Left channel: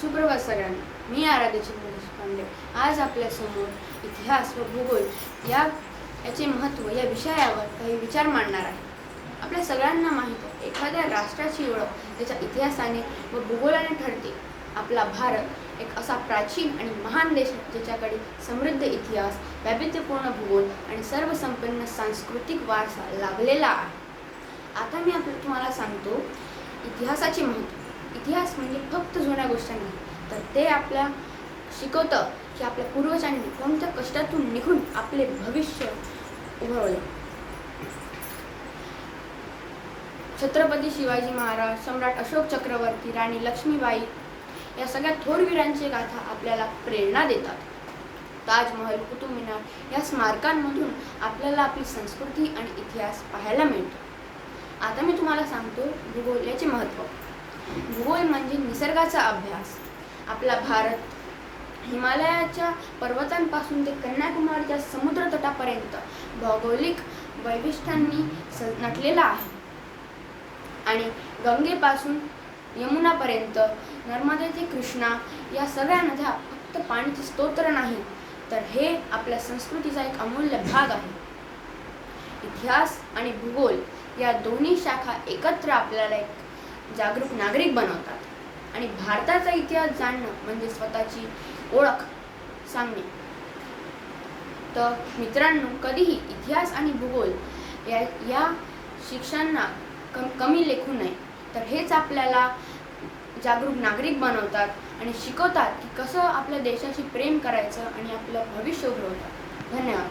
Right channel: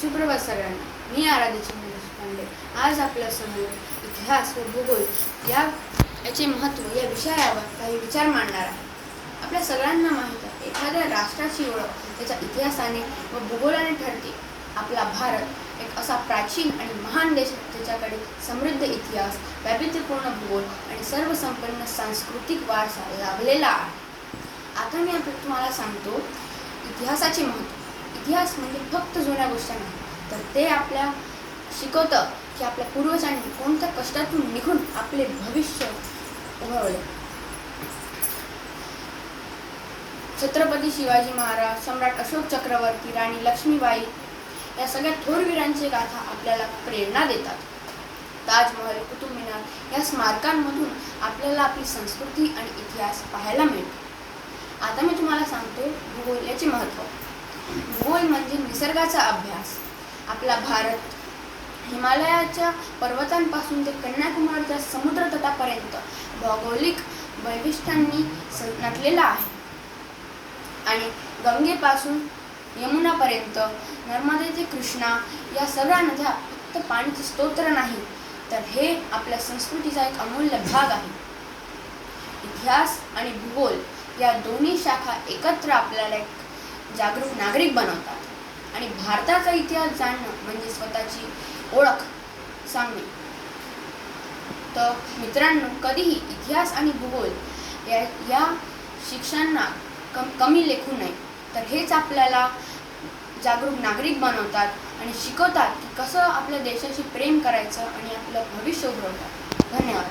सुप्रभात सगळ्यांना. मी आराध्य देशपांडे आज आपल्यासमोर इतिहास व भूगोल याचे महत्त्व या विषयावर काही विचार मांडणार आहे. आपल्या सगळ्यांना माहीत आहे, एखाद्या राष्ट्राची ओळख त्याच्या इतिहासाने व भूगोलाने ठरते. आपला भारत एक असा प्राचीन आणि महान देश आहे, ज्याच्याकडे समृद्ध इतिहास, वैविध्यपूर्ण भूगोल आणि सर्वसंपन्न सांस्कृतिक वारसा लाभलेला आहे. आता मी तुम्हाला सांगतो इतिहासाचे महत्त्व. इतिहास म्हणजे फक्त जुन्या गोष्टी नाही, तर ते आपल्या शिकवतं की आपल्या पूर्वजांनी कोणत्या कष्टातून निघून आपले भविष्य उभवले. छत्रपती शिवाजी महाराज, सम्राट अशोक चक्रवर्ती, राणी लक्ष्मीबाई या सगळ्या थोर वीरांची गाथा आपल्याला प्रेरणा देतात. ताजमहल, कुतुब मिनार या स्मारकांमधून आपल्याला आपली संस्कृती आणि इतिहास पाहायला मिळतो. आता मी तुम्हाला सांगतो भूगोल याचे महत्त्व. भूगोल म्हणजे निसर्गाचा अभ्यास. आपला भारत हिमालयाच्या पर्वतांपासून ते कन्याकुमारीच्या समुद्र तटापर्यंत भौगोलिक वैशिष्ट्यांनी नटलेला आहे. आणि गंगेपासून यमुनापर्यंत, नर्मदे ते कृष्णा या सगळ्या नद्या फक्त पाण्याचे स्तोत्र नाही, तर हे आपल्या संस्कृतीचा एक अमूल्य भाग आहे. इतिहास आणि भूगोल या दोन्ही शाखा एकत्र आपल्याला एक जागरूक नागरिक बनवतात. आणि भारताचा इतिहास जाणणं म्हणजे स्वतःची ओळख सांगणे. तर मित्रांनो, कधीही इतिहास आणि भूगोल या शिक्षणांना कमी लेखू नये. तर हेच आपल्याला जागरूक नागरिक बनवतात आणि शिकवतात की कसं आपल्या देशाशी प्रेम करायचं आणि आपलं भविष्य उजळवतात. धन्यवाद.